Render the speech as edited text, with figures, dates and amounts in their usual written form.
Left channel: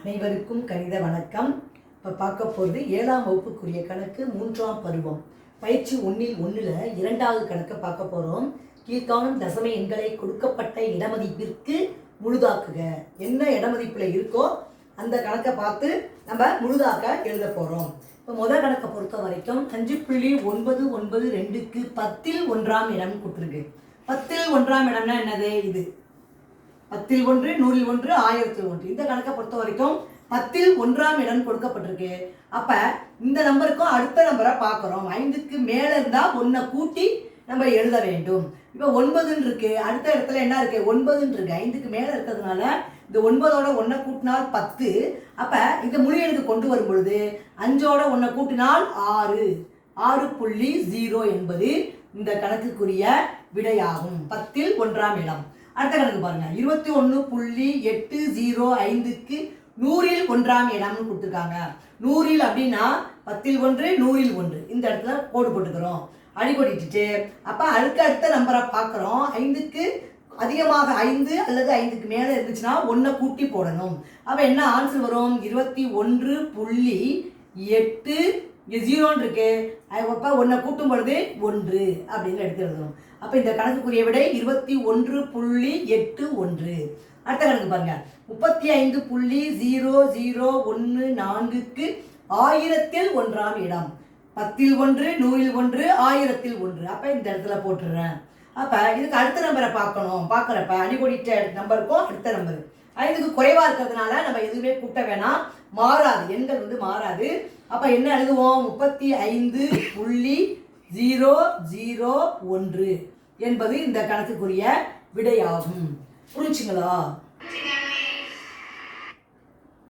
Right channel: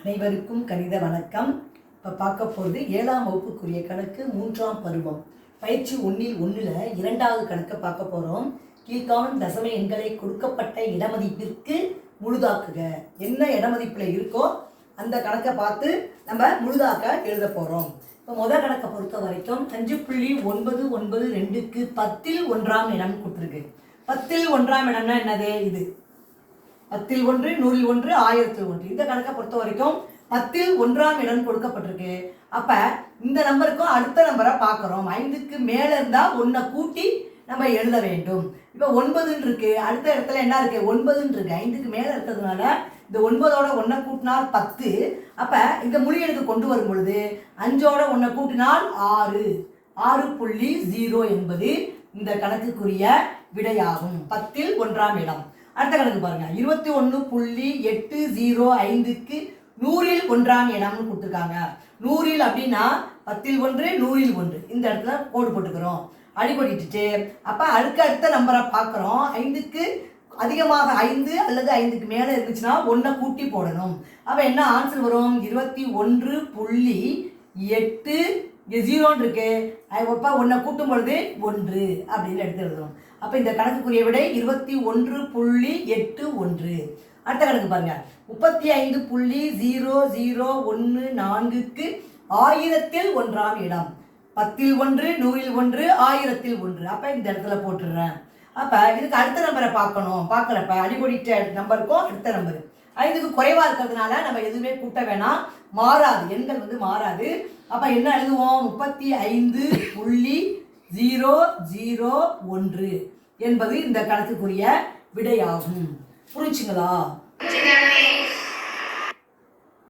அனைவருக்கும் கணித வணக்கம். இப்போ பார்க்க போகிறது 7ஆம் வகுப்புக்குரிய கணக்கு 3ஆம் பருவம் பயிற்சி 1ல் 2வது கணக்கை பார்க்க போகிறோம். கீழ்காணும் தசம எண்களை கொடுக்கப்பட்ட இடமதிப்பிற்கு முழுதாக்குக. என்ன இடமதிப்பில் இருக்கோ அந்த கணக்கை பார்த்து நம்ம முழுதாக்க எழுத போகிறோம். இப்போ முதல் கணக்கை பொறுத்த வரைக்கும் 5.992க்கு 10ல் 1ஆம் இடம் கொடுத்துருக்கு. 10ல் 1ஆம் இடம்னா என்னது? இது 10ல் 1, 100ல் 1, 1000ல் 1. இந்த கணக்கை பொறுத்த வரைக்கும் 10ல் 1ஆம் இடம் கொடுக்கப்பட்டிருக்கு. அப்போ இந்த நம்பருக்கும் அடுத்த நம்பரை பார்க்குறோம். 5க்கு மேலே இருந்தால் 1 கூட்டி நம்ம எழுத வேண்டும். இப்போ 9ன்னு இருக்கு, அடுத்த இடத்துல என்ன இருக்கு? 9ன்னு இருக்கு. 5க்கு மேலே இருக்கிறதுனால இந்த 9ஓட 1 கூட்டினால் 10. அப்போ இந்த முழு எண்ணுக்கு கொண்டு வரும் பொழுது 5ஓட 1 கூட்டினால் 6. 6.0 என்பது இந்த கணக்குக்குரிய விடையாகும். 10ல் 1ஆம் இடம். அடுத்த கணக்கு பாருங்க. 21.805க்கு 100ல் 1ஆம் இடம்னு கொடுத்துருக்காங்க. 100ல் அப்படின்னா 10ல் 1, 100ல் 1. இந்த இடத்துல கோடு போட்டுக்கிறோம், அடிக்கொடிட்டு. அப்போ அடுத்த நம்பரை பார்க்குறோம். 5க்கு அதிகமாக 5 அல்லது 5க்கு மேலே இருந்துச்சுன்னா 1 கூட்டி போடணும். அப்போ என்ன ஆன்சர் வரும்? 21.8 இருக்கு. அப்போ 1 கூட்டும் பொழுது 1 அப்படின்னு எடுத்து எழுதணும். அப்போ இந்த கணக்குக்குரிய விடை 21.81. அடுத்த கணக்கு பாருங்க. 35.0014க்கு 1000ல் 1ஆம் இடம். 10ல் 1, 100ல் 1, 1000ல் 1. அப்போ இந்த இடத்துல போட்டுடுறேன். அப்போ இதுக்கு அடுத்த நம்பரை பார்க்கணும். பார்க்குறப்ப அடிக்கொடிட்ட நம்பருக்கும் அடுத்த நம்பரு 5க்கு குறைவாக இருக்கிறதுனால நம்ம எதுவுமே கூட்ட வேணாம், மாறாது, எண்கள் மாறாது. அப்போ என்ன எழுதுவோம்? 35.001 என்பது இந்த கணக்குக்குரிய விடையாகும். புரிஞ்சுங்களா?